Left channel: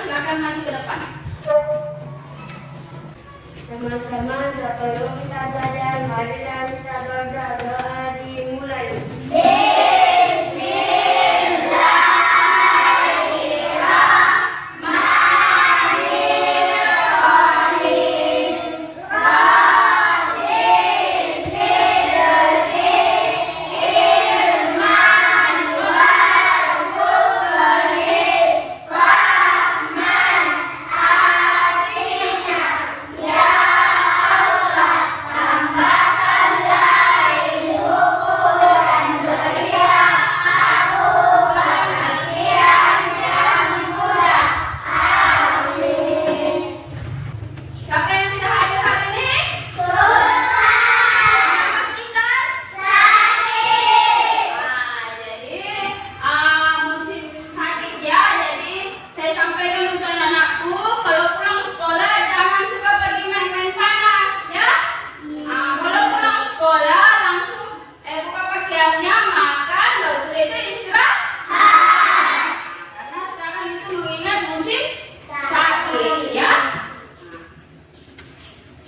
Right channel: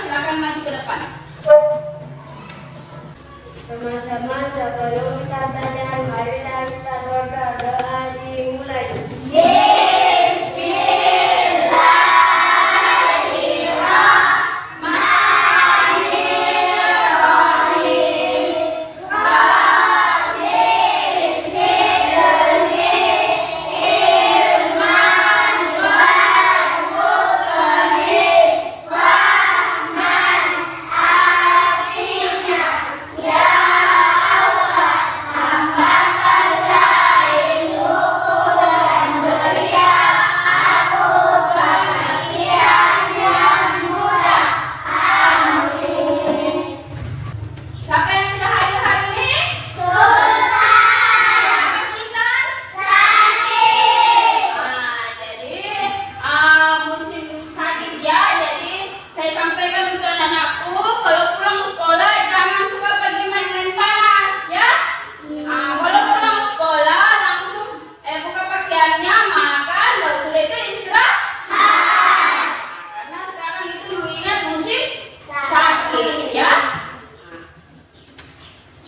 silakan maju ke depan. Teman-teman, sebelum kita belajar, mari kita berdoa dimulai. Siapa yang tidak hadir hari ini? Apa Sultan? Jadi musim sakit ya. Jadi saya sampaikan untuk anak-anakku, kalau pulang sekolah jangan suka pergi main-main panas ya. Kalau pulang sekolah langsung buka pakaiannya, makan, baru sudah itu istirahat. Karena sekarang itu mengingat musim sakit ya.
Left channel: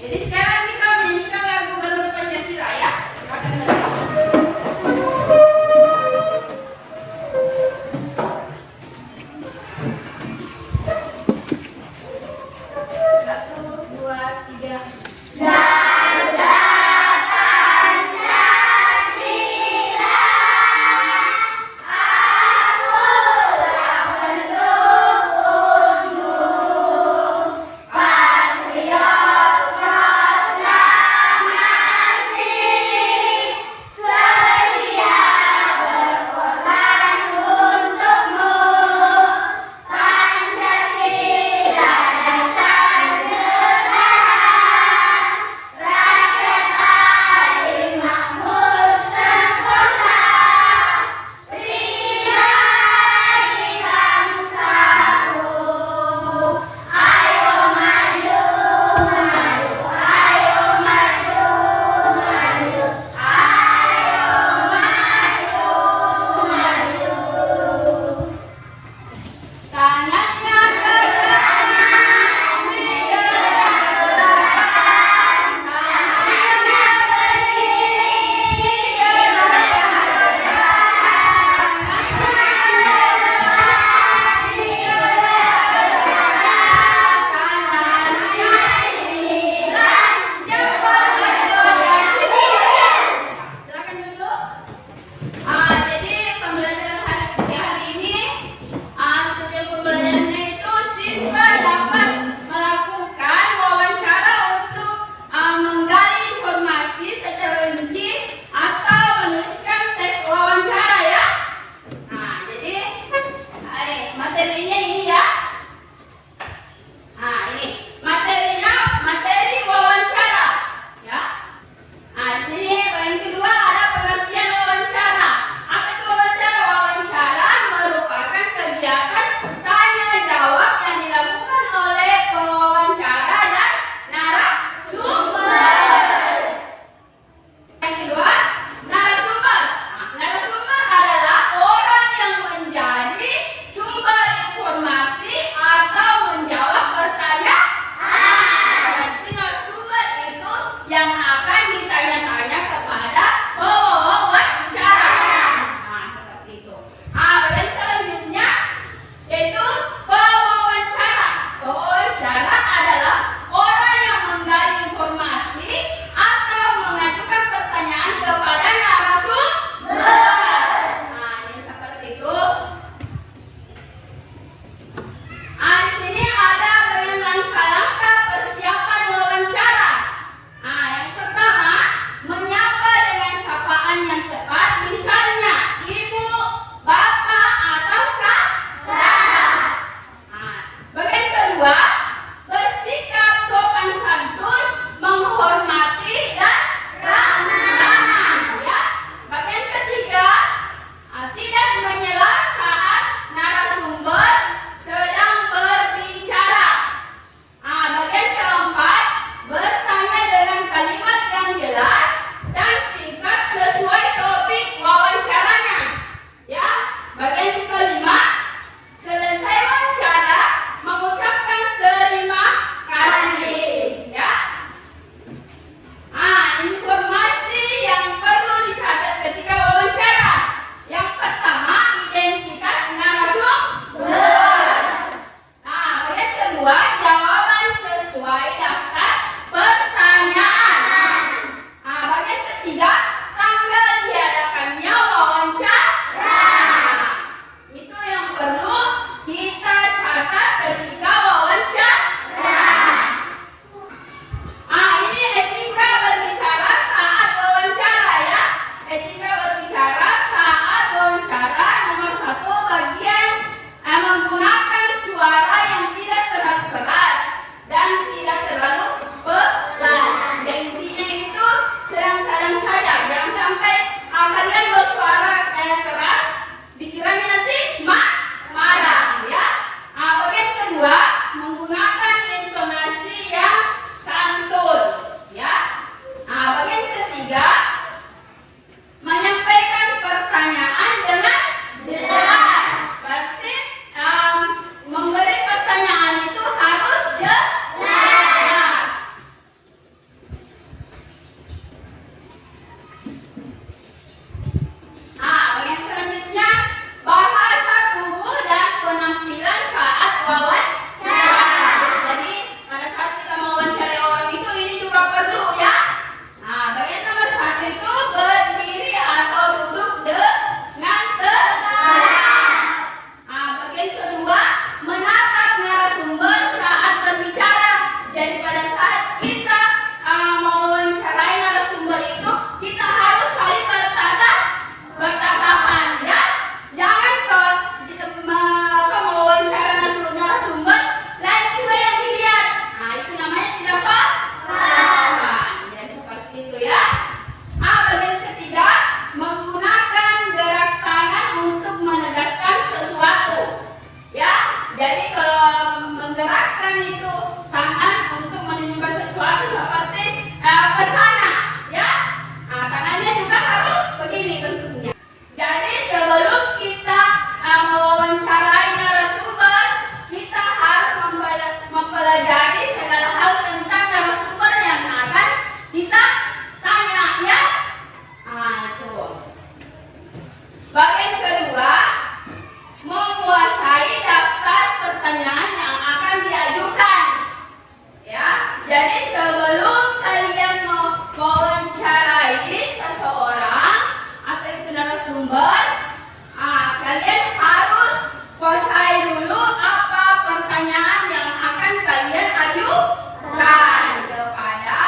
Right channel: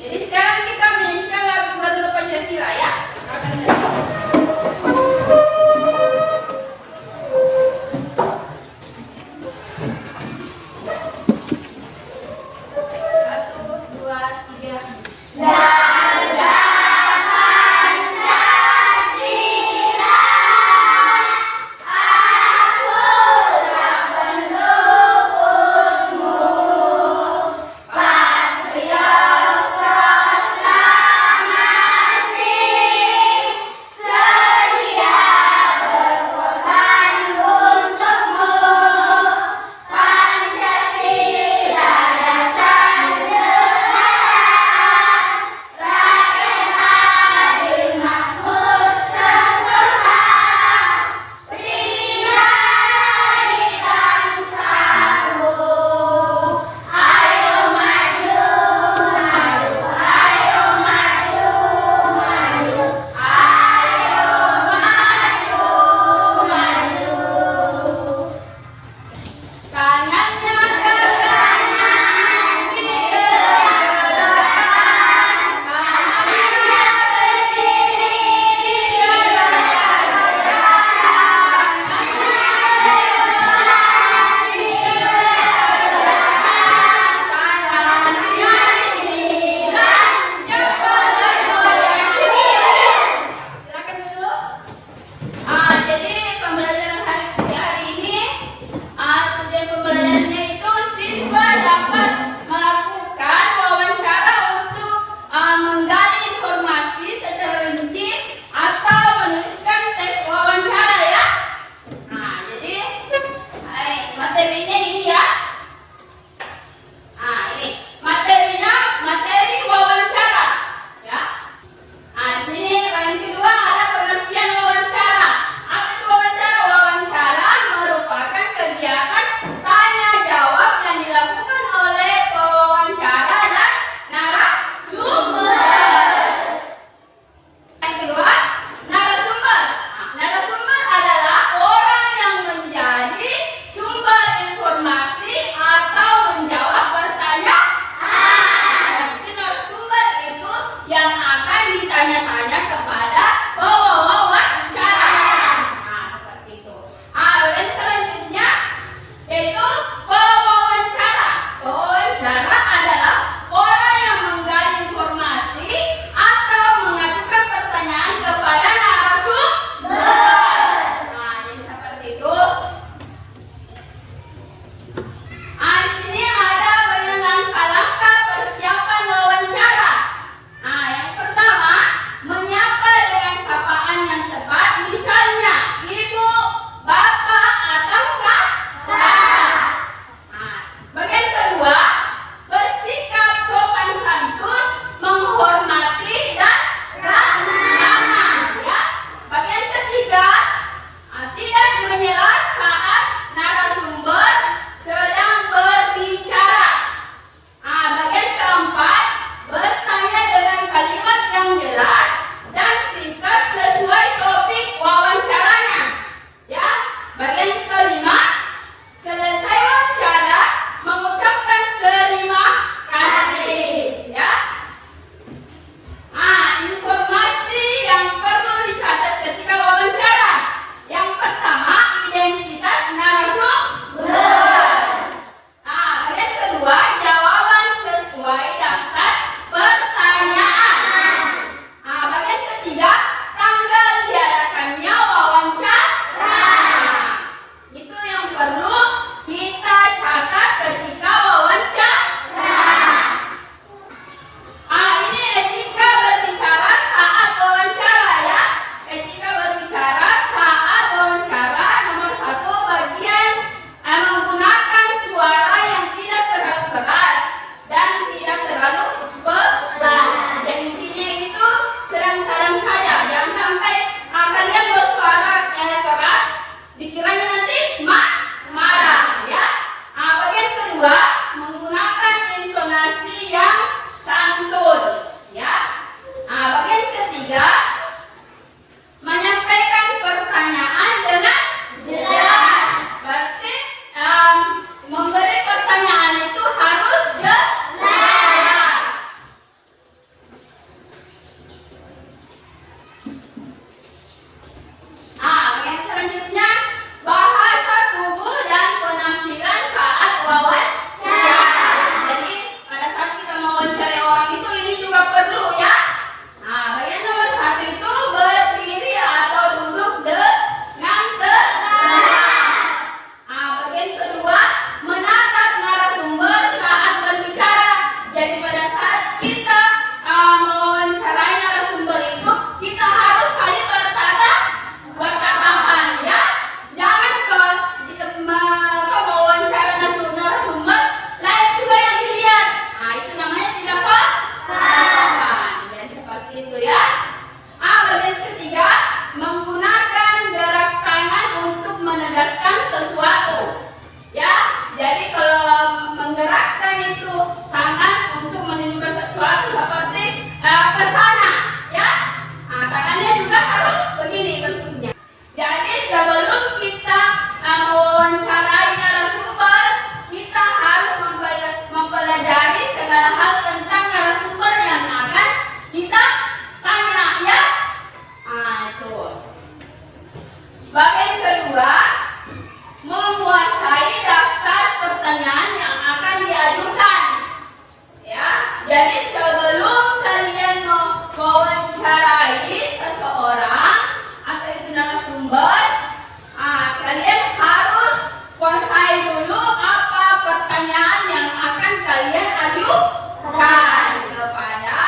Jadi sekarang kita menyanyikan lagu Garuda Pancasila ya. kedua, menggunakan intonasi yang santun, ya. Nah, bagian ketiga, menyampaikan pertanyaan dengan jelas. Berarti memberi pertanyaan itu harus jelas. Bagian selanjutnya, bahasa tubuh dan penampilan saat wawancara. Jadi pada saat kita mewawancarai orang itu ini juga perlu, ya. Bagian nomor 1 itu berdiri atau duduk dengan tegak. Bagian kedua, menatap narasumber saat berbicara. Jadi pada saat kita mewawancarai narasumber itu, kita harus saling bertatapan, ya. Jangan mewawancara narasumber lain juga yang dilihat. Itu namanya tidak sopan. Dan seperti itu, ya. Bagian ketiga, menggunakan gerak tangan untuk menegaskan sesuatu, ya. Jadi kalau menggerakkan itu tangan untuk menunjukkan sesuatu seperti ke sana, ya. Tangannya juga harus begini bentuknya. Jadi sebelum kita mewawancarai narasumber, kita harus mempelajari segala hal tentang narasumber yang akan kita tanya, ya. Itu. Bagian kedua, menguasai daftar pertanyaan yang akan diajukan, ya. Jadi sebelum kalian mewawancarai seseorang atau itu narasumber, kalian harus kuasai dulu apa pertanyaan yang akan kalian ajukan kepada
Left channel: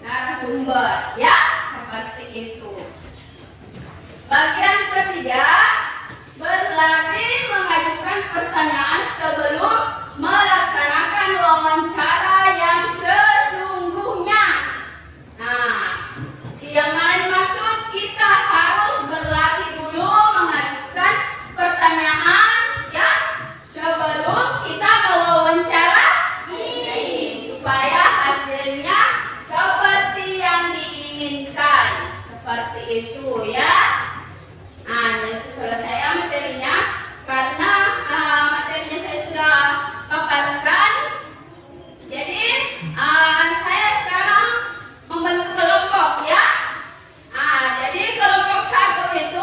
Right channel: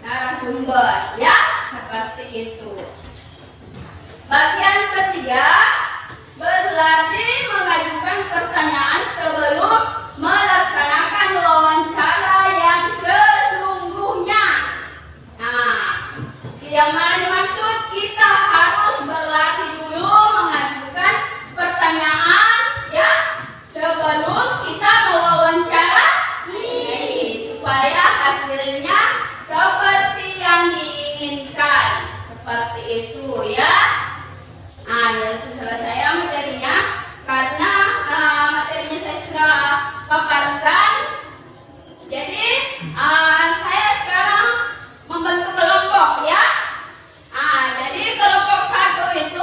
narasumber, ya. Seperti itu. Bagian ketiga, berlatih mengajukan pertanyaan sebelum melaksanakan wawancara yang sesungguhnya. Yang mana dimaksud, kita harus berlatih dulu mengajukan pertanyaan, ya, sebelum kita mewawancarai, supaya hasilnya seperti yang diinginkan. Seperti itu, ya. Selesai materinya, karena materinya saya sudah paparkan. Jadi saya sekarang membentuk kelompok, ya. Jadi kelompok 1 itu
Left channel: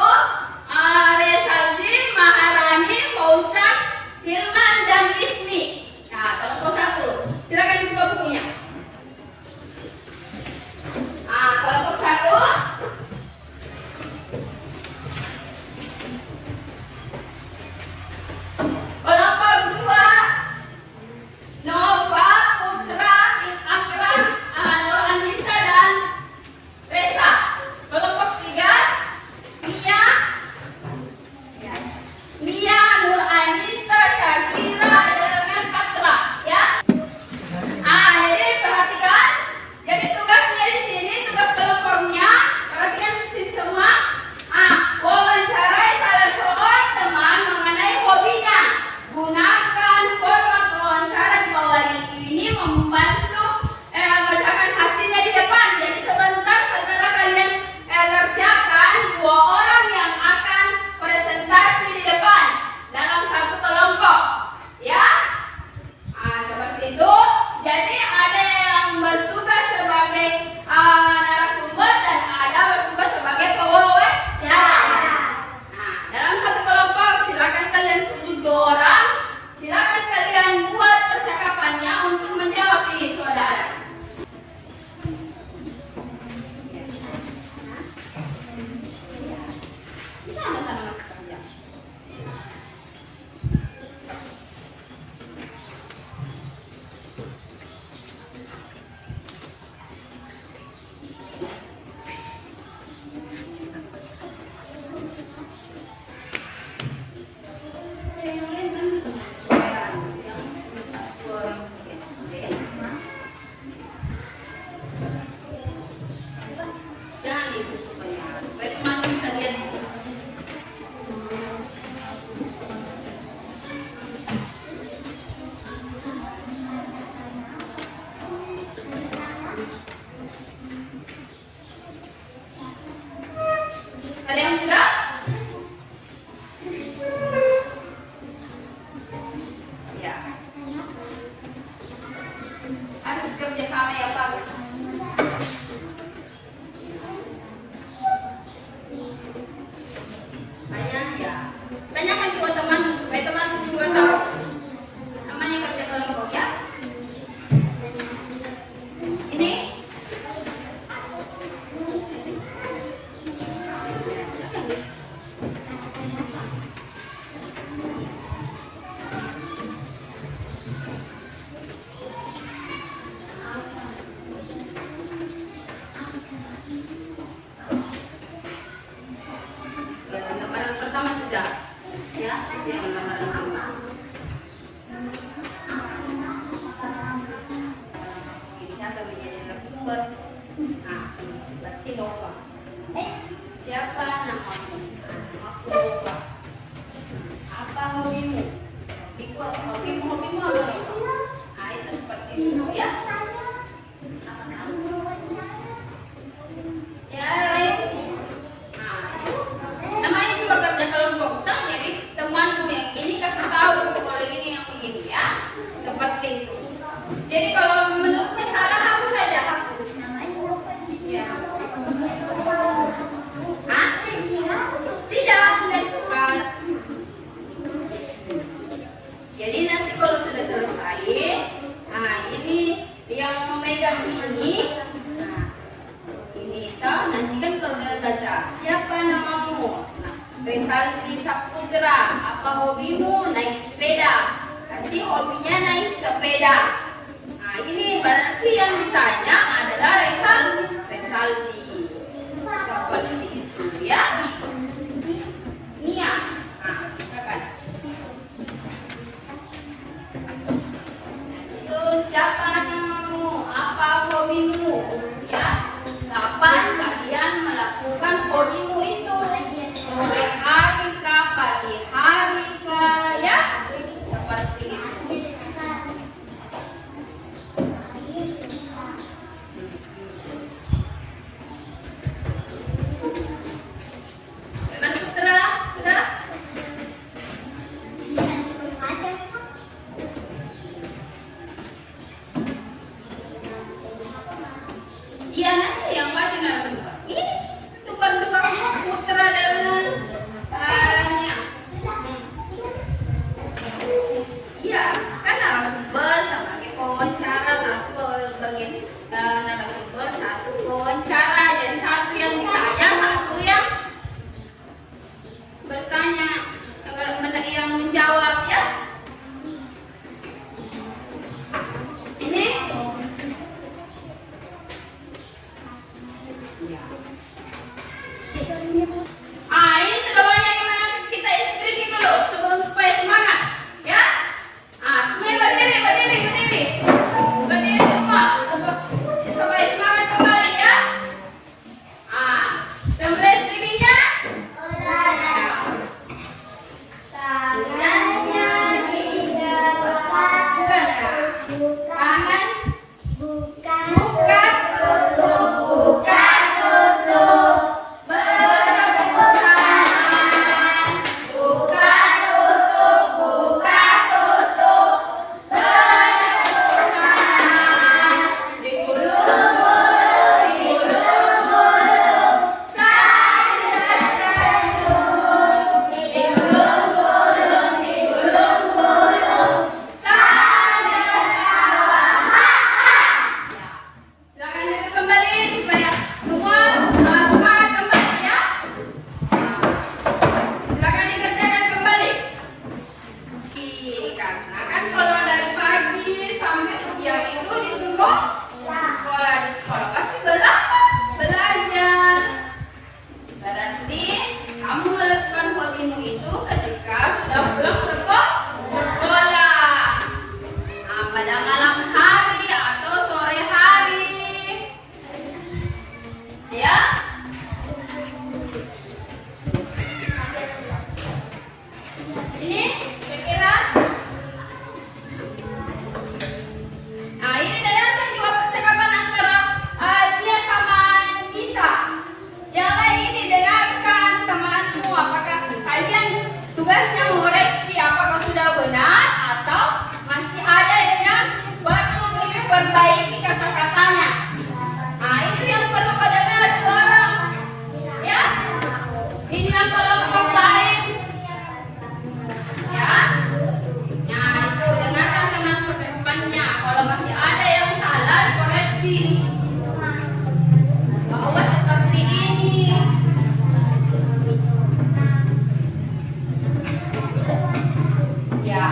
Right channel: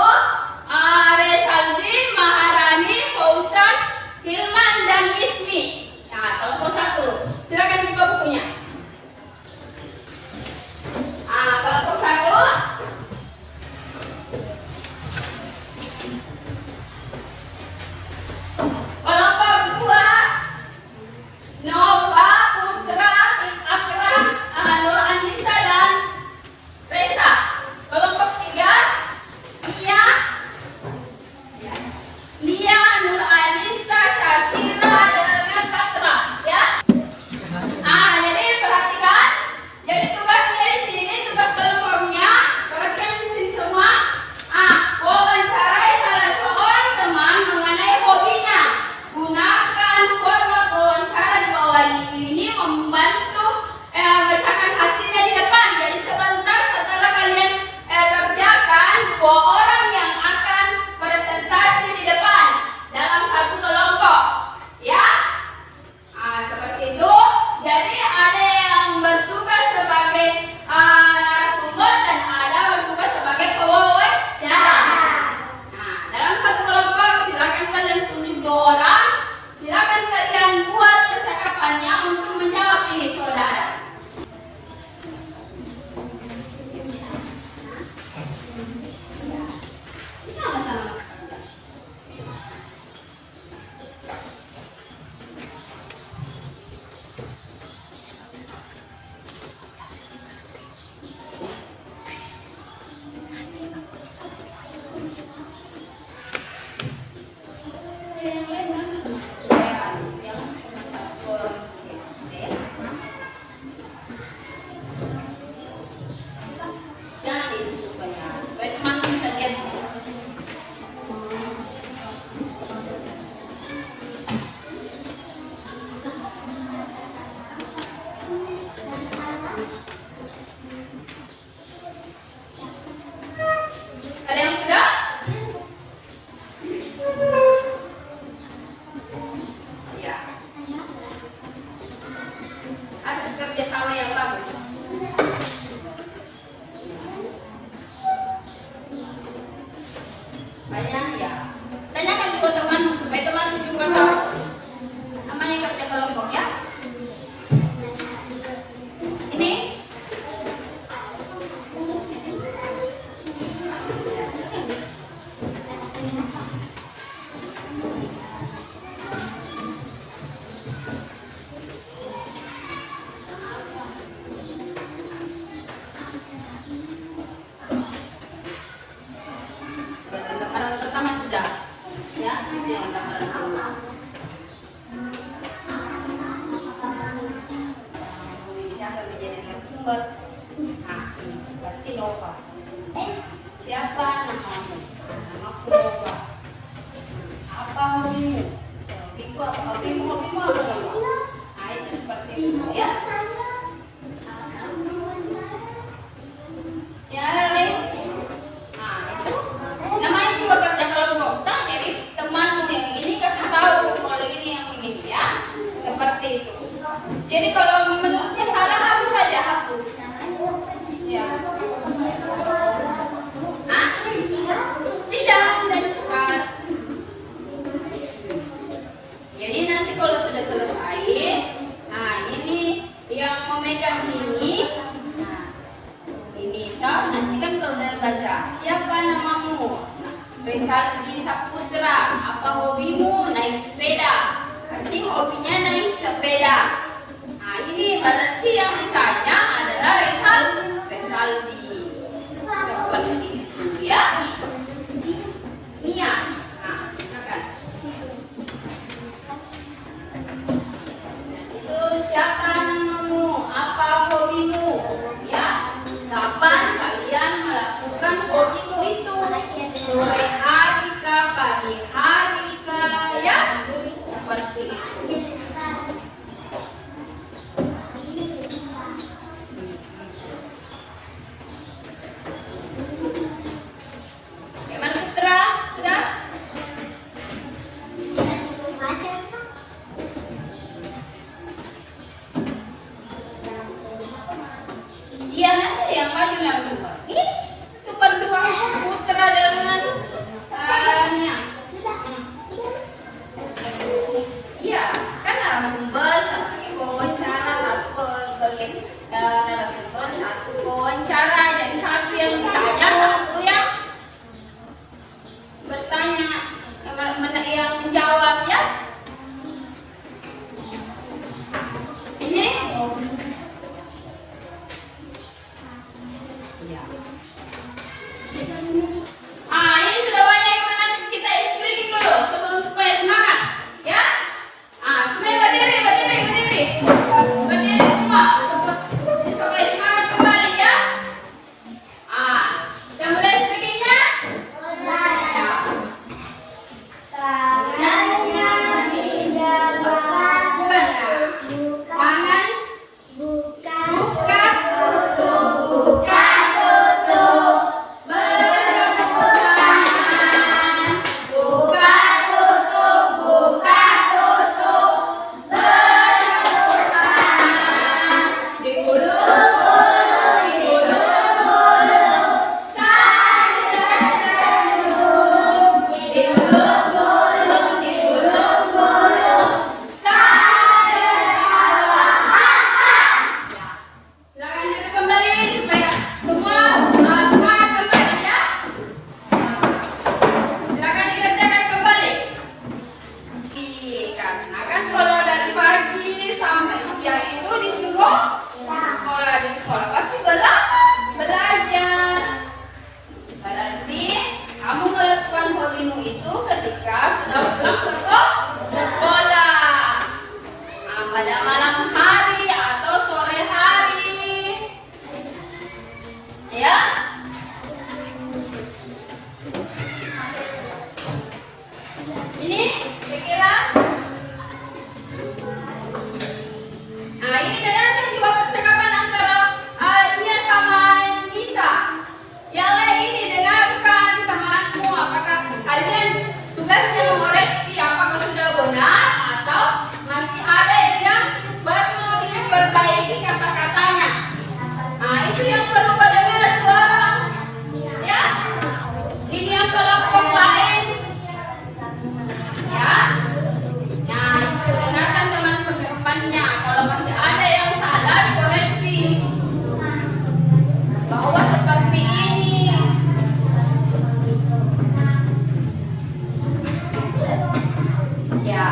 Resaldi, Maharani, Fauzan, Hilman, dan Ismi. Kelompok 1. Silakan dibuka bukunya. Kelompok 1. Kelompok 2, Nova, Putra, Akram, Nur Anissa, dan Reza. Kelompok 3, Lia, Nur Anissa, Syakira, dengan Patra, ya. kerja. Harus kerja sama yang bagus. Banyak ya. Tanyakan juga temanmu supaya temanmu juga tahu. Namanya kerja kelompok ya. Ini gambaran pertama sudah ya, itu yang gambaran pertama. Siapa menjadi narasumber? Nah, berarti Nova. Siapa namamu? Namaku Nova. Apa hobimu? Hobimu apa? Nah, itu seperti itu ya. Ya, Ray. Nah, itu namanya juga kerja kelompok. Nah, jadi temanmu yang ini kasih tahu kalau ini yang begini ya. Seperti itu. Jadi kalau menurutnya salah hapus saja, hapus. Ya. Hah? Tidak, sudah ditukar. Jadi nanti kalau sudah selesai, nah ini yang memegang ini. Nah, ini toh nanti kan kalau udah baca siapa namamu? Nah, Resaldi Saputra. Apa hobimu? Naik sepeda. Berarti hobinya naik sepeda. Nah, ini berarti yang ditanya adalah Resaldi. Seperti itu ya. Nia. Nah, silakan. Itu siapa namamu? Apa hobimu? Ya. Kapan kalian melakukan hobimu itu? Sore hari kah, pagi hari kah, ya? Seperti itu. Bagaimana Putra? Sudah? Iya, nanti yang maju narasumber. Ini cuma dua Putra dengan Nia. Iya, kan narasumber sama lagi pewawancara, satu bagian narasumber, satu pewawancara. Jadi satu yang ditanya, satu yang bertanya, yang menjawab ya. Ini ya. Ini sudah banyak yang menanti, kita speaking dulu sebelum supaya semangat, ya. Semua berdiri. Berdiri semua supaya semangat kembali ya. Sudah mulai speakingnya? Tangannya tiga tangan. Buka tutup. Bertepuk tangan. Buka tutup. Bertepuk tangan. Digulung-gulung. Sambil senyum. Digulung-gulung. Sambil tawa. Silakan duduk kembali supaya semua semangat kembali ya. Silakan dikerjakan kembali. Karena kan kalau dari pagi sampai siang itu di sekolah pasti belajar. Berarti kamu melakukan hobimu itu ketika sudah pulang sekolah. Pada malam hari atau sore hari. Ya. Ini kira-kira. Nah, ini kelihatan juga percakapan antara dia sama Nisa. Yang lain ini dengarkan temanmu, apakah kalian tugasnya mengoreksi apakah sudah benar atau Ya,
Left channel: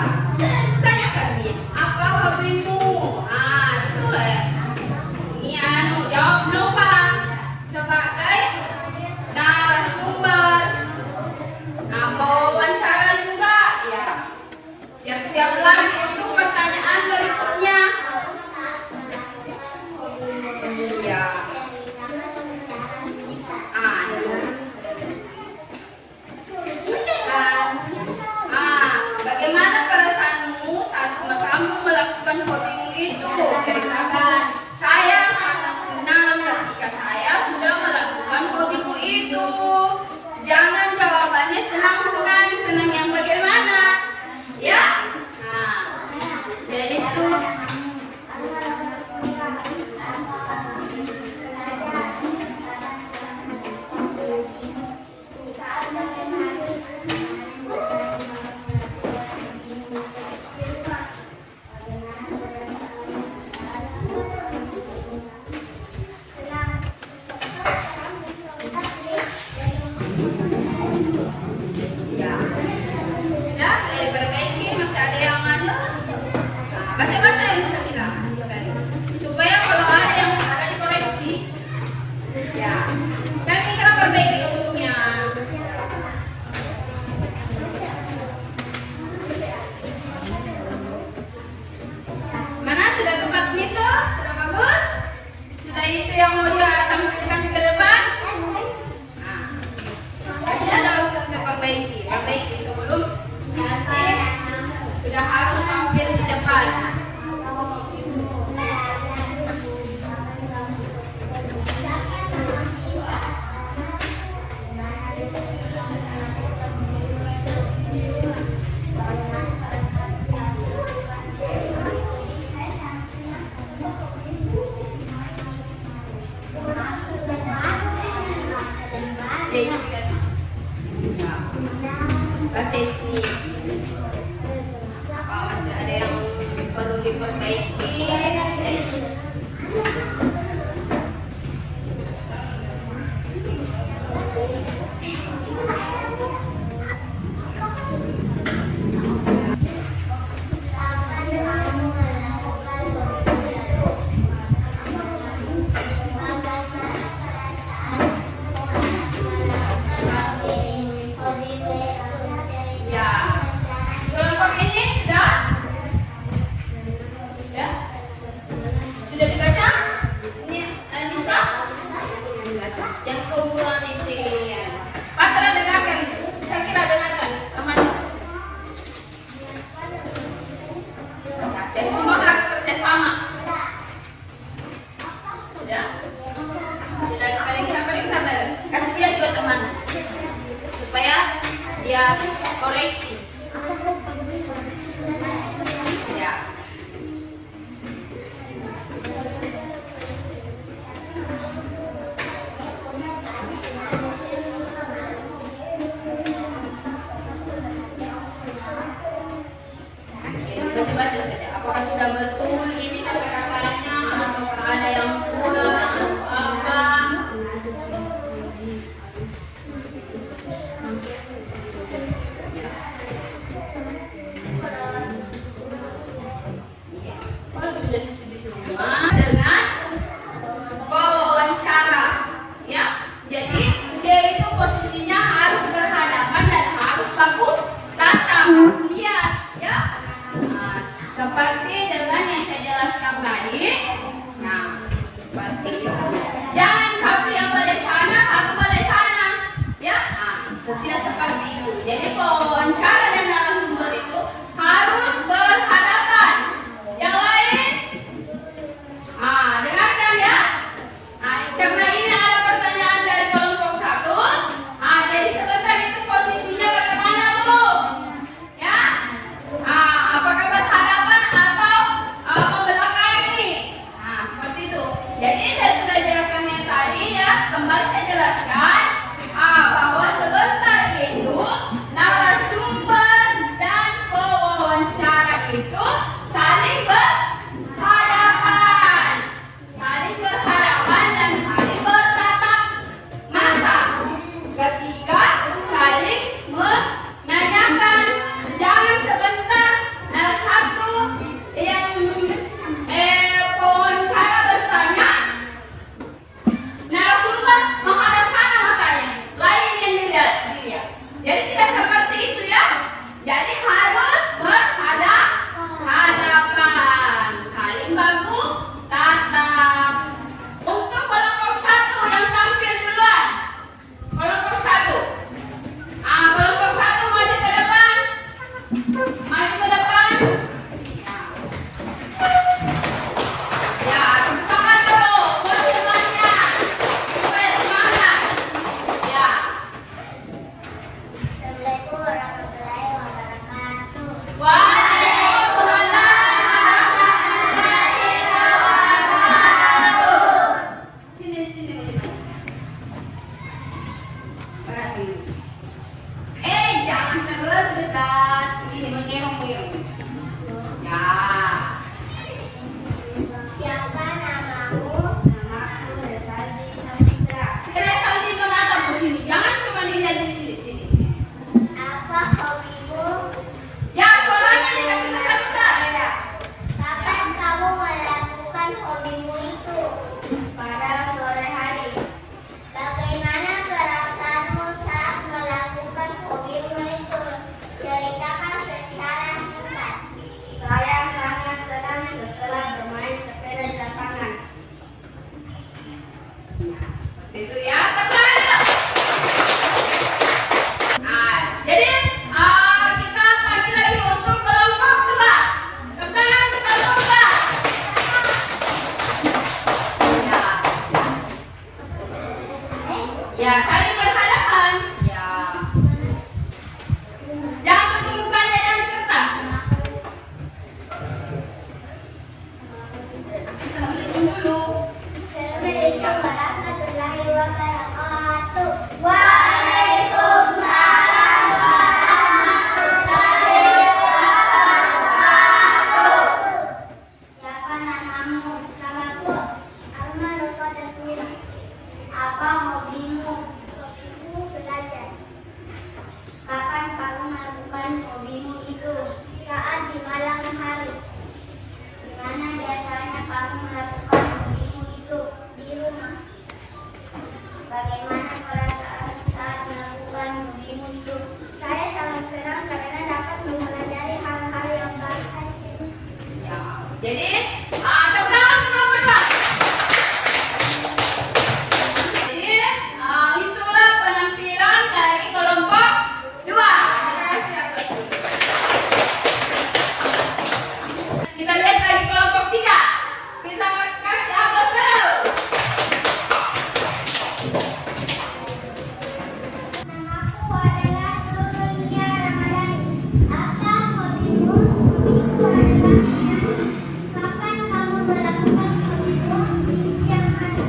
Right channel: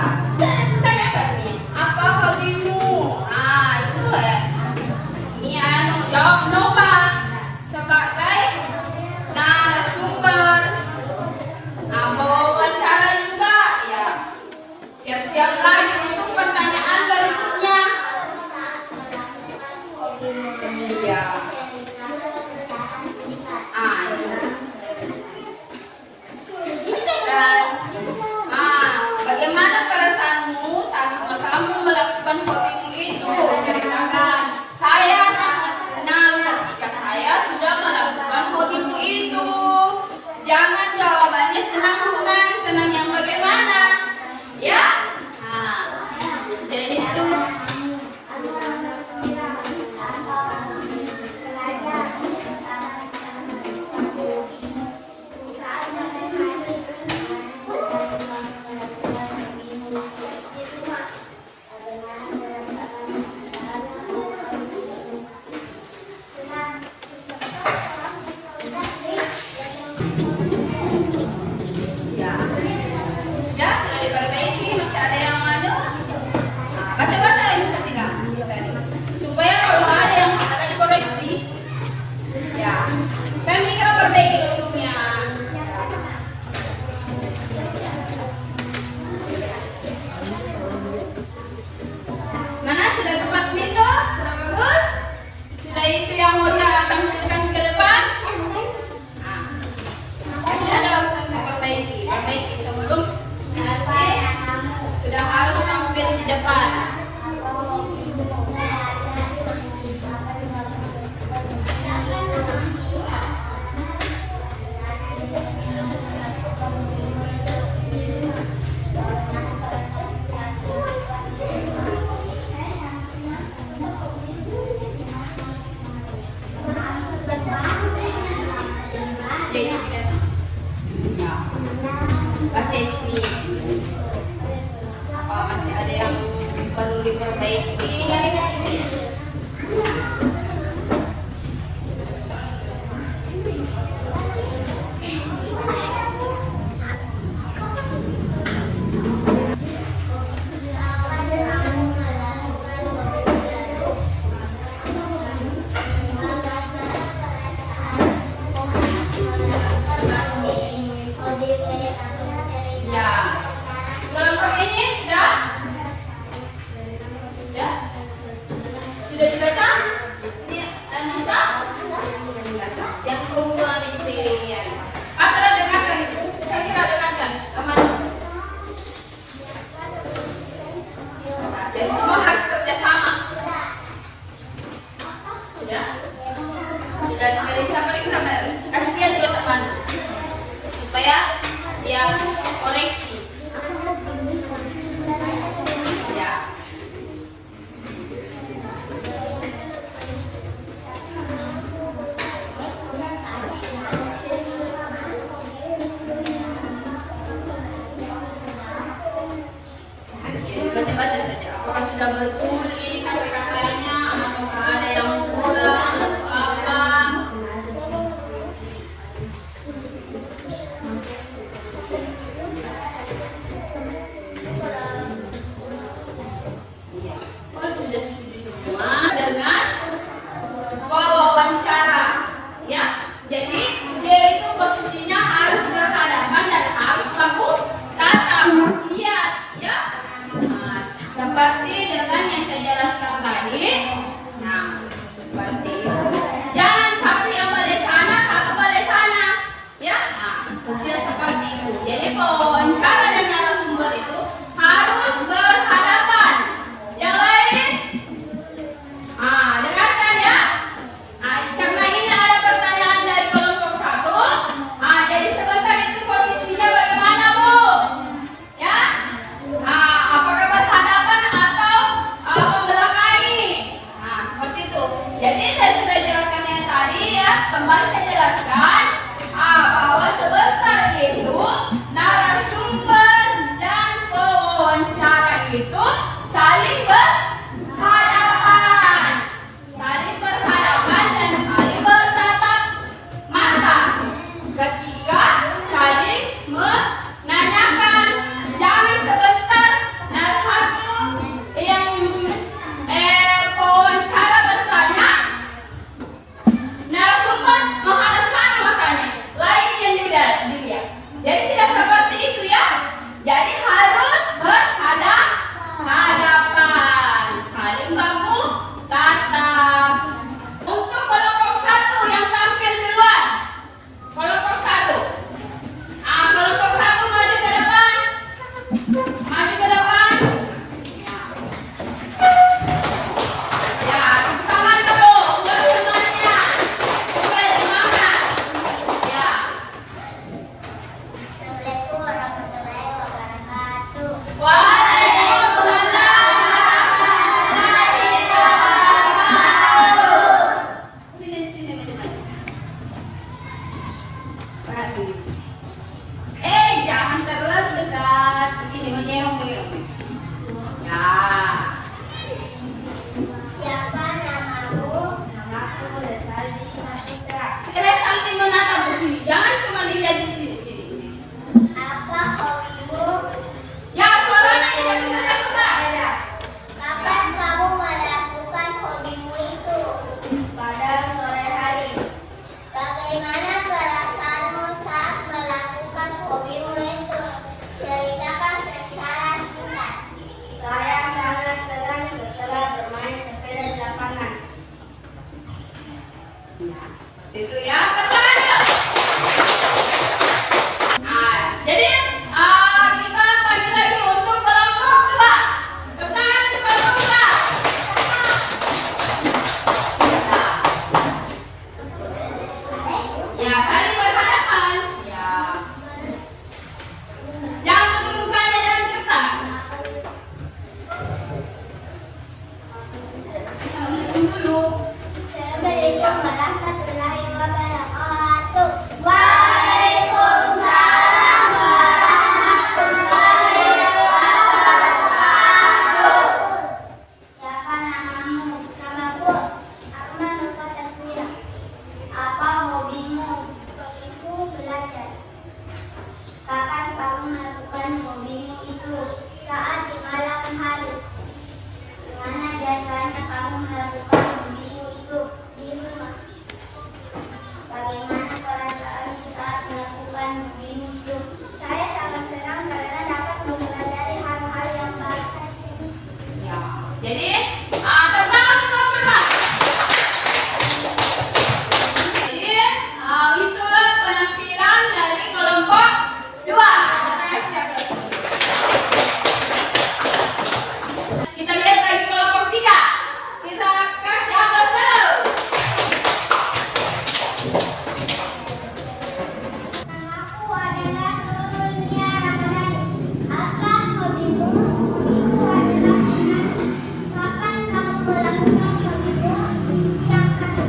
tanyakan nih, apa hobimu? Itu ini jawab Nova sebagai narasumber. Wawancara juga, ya. Siap-siap lagi untuk pertanyaan berikutnya. Iya. Itu kan. Bagaimana perasaanmu saat kamu melakukan hobimu itu? Ceritakan. Saya sangat senang ketika saya sudah melakukan hobimu itu. Jangan jawabannya senang-senang, senang yang bagaimana? Ya? Jadi itu. Baca-baca yang bisa bilang supaya kalau ada yang akan koreksi, ya kami kira perbaiki dulunya. Mana sudah tepat Nito? Sudah bagus? Sudah itu yang mau dia tampilkan ke depan? Masih ada waktu untuk perbaiki sebelum nanti sudah harus tampil di depan. Baca ismi. Apa masih ada yang perlu diperbaiki? Sudah dibaca? Ini Anissa? Yang kedua nih, Patra dengarkan itu. Saya kira dengarkan. Aman. Dan semua harus kerjasama. Sudah? Sudah periksa. Kasih dia juga teman. Supaya dia koreksi. Baca-baca saja. Apakah sudah betul ini kata-katanya atau ada yang kurang atau apa? Kalau sudah setuju semua dengan wawancara, ya. Jadi dia itu posisinya harus berhadapan dan harus baku tatap, lihat, ya. Seperti dengan yang saya jelaskan tadi. Nah, seperti itu. Jangan satu yang balik sana, satu balik sana. Ya, tidak seperti itu. Jadi wawancara dan narasumber itu harus berhadapan. Yang lain, dengarkan ya. Karena ini ada pertanyaan dari kelompok 1. Jadi sebentar itu posisinya bagaimana, Bu? Ya. Apakah berhadapan atau membelakangi? Seperti itu. Jadi saya sudah jelaskan yang tadi ya. Kembali saya jelaskan bahwa sebentar itu narasumber malam hari. Mana biasanya kamu melakukan hobimu itu di rumah? Bagaimana perasaan saat melakukan hobimu itu? Saya sangat senang karena dapat mempelajari hal-hal yang baru. Ya. Jadi, tepuk tangan untuk Bapak. Jadi, itulah penampilan dari kelompok 2. Terima kasih atas. Kita lihat lagi kelompok 3. Kita kasih aplaus dulu. Namaku adalah Dunia Ramadhani. Apa hobimu? Itu adalah menyanyi. Kapan kamu melakukan hobimu? Siang hari.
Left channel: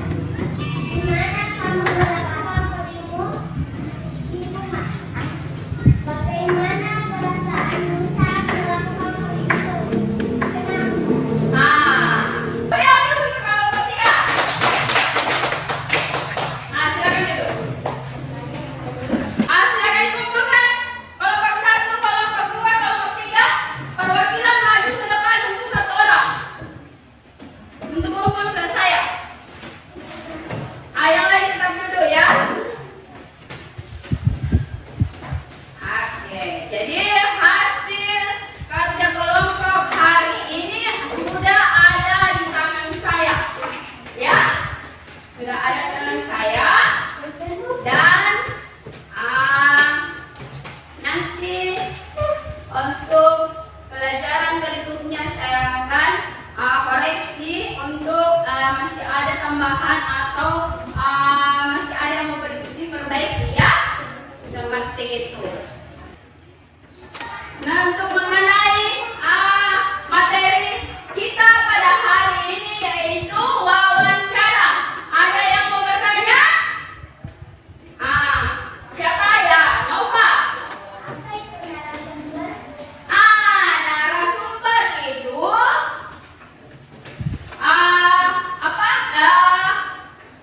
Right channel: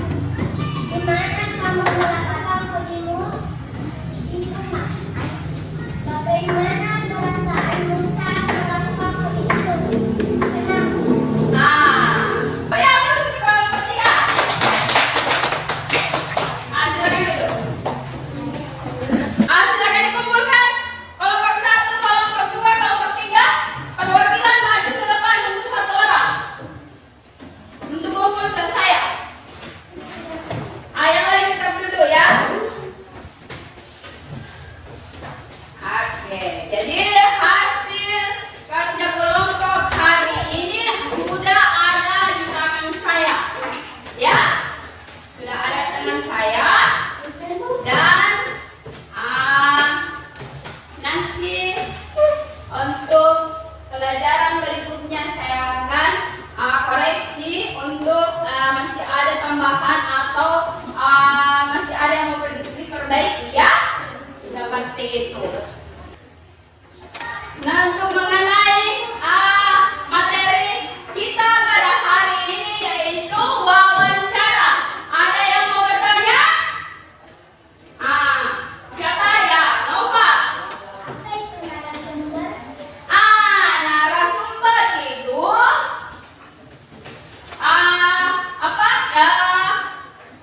Di mana kamu melakukan hobimu? Di rumah. Bagaimana perasaanmu saat melakukan hobi itu? Senang. Beri aplaus untuk kelompok 3. Silakan duduk. Silakan dikumpulkan. Kelompok 1, kelompok 2, kelompok 3. Perwakilan maju ke depan untuk 1 orang. Untuk kumpul ke saya. Yang lain tetap duduk ya. Oke, jadi hasil kerja kelompok hari ini sudah ada di tangan saya. Ya, sudah ada di tangan saya. Dan nanti untuk pelajaran berikutnya saya akan koreksi untuk masih ada tambahan atau masih ada yang mau diperbaiki ya. Seperti itu. Nah, untuk mengenai materi kita pada hari ini yaitu wawancara. Ada yang mau bertanya? Siapa ya? Nova. Apa itu narasumber? Narasumber itu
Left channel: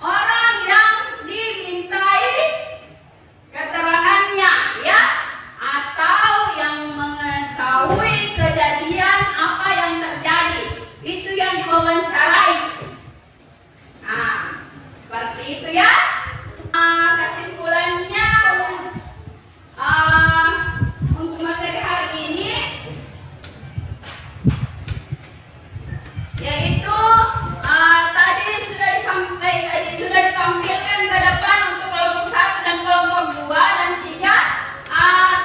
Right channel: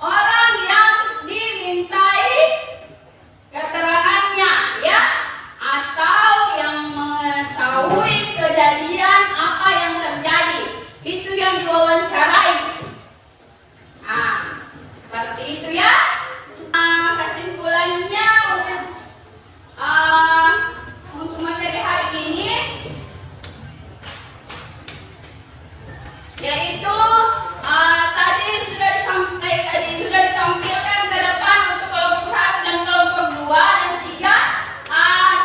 orang yang dimintai keterangannya ya, atau yang mengetahui kejadian apa yang terjadi, itu yang diwawancarai. Seperti itu ya. Kesimpulannya untuk materi hari ini yaitu tadi sudah ditampilkan ke depan untuk kelompok 1 dan kelompok 2 dan 3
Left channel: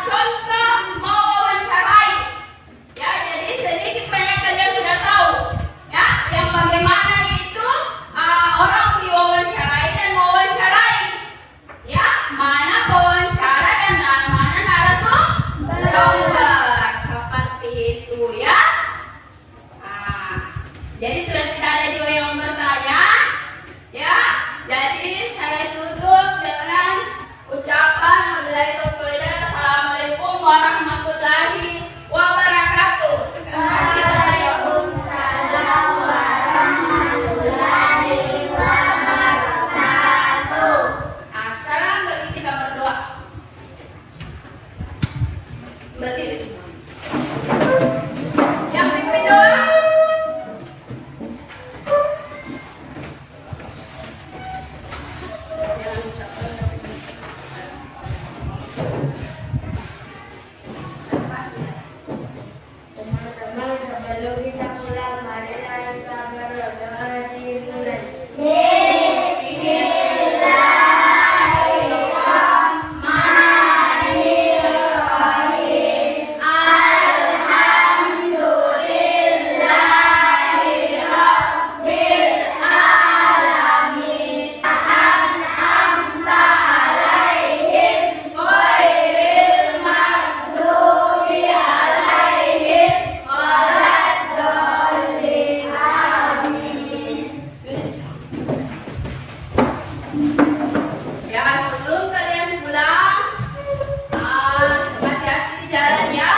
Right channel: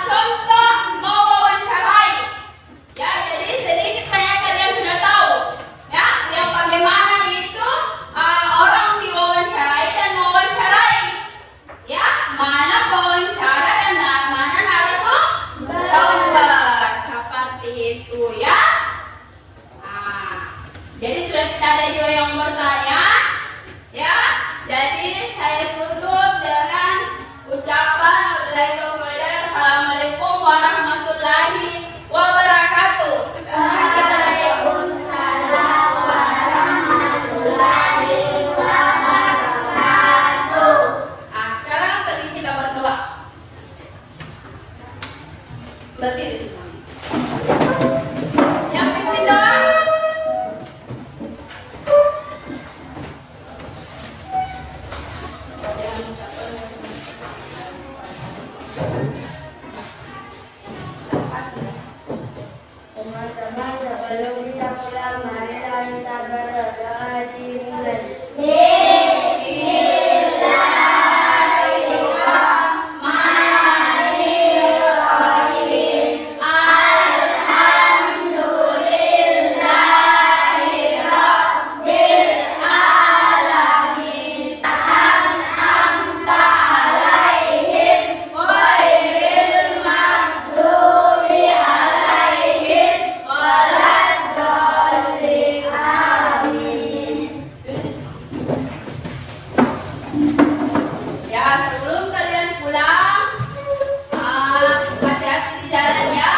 contoh mewawancarai. Ya, jadi sedikit banyak kalian sudah tahu ya yang bagaimana itu orang diwawancarai dan mewawancarai. Ya, mana pewawancara dan mana narasumber. Seperti itu ya. Jadi sudah tidak ada juga yang bertanya, ya. Jadi saya tutup dengan ucapan Assalamualaikum warahmatullahi wabarakatuh. Sekarang kita Waalaikumsalam warahmatullahi wabarakatuh. sekarang bagi kita berdoa. Berdiri semuanya. Yang pimpin doa. Jangan ucapkan. Teman-teman, sebelum kita pulang, marilah kita berdoa dimulai. Bismillahirrahmanirrahim. Alhamdulillahirabbil alamin. An'amta alaihim ghairil maghdubi alaihim waladdallin. Amin. Ya, sebelum kalian pulang, hati-hati di jalan ya.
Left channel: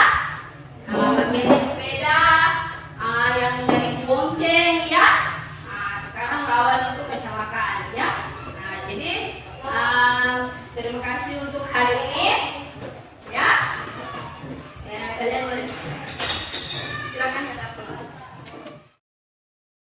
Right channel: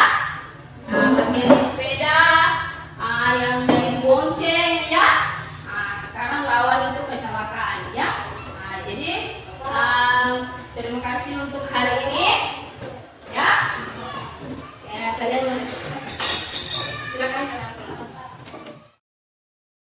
Bagi sepeda, yang dari bonceng ya. Sekarang lawan itu kecelakaan ya. Jadi terima kasih untuk hari ini.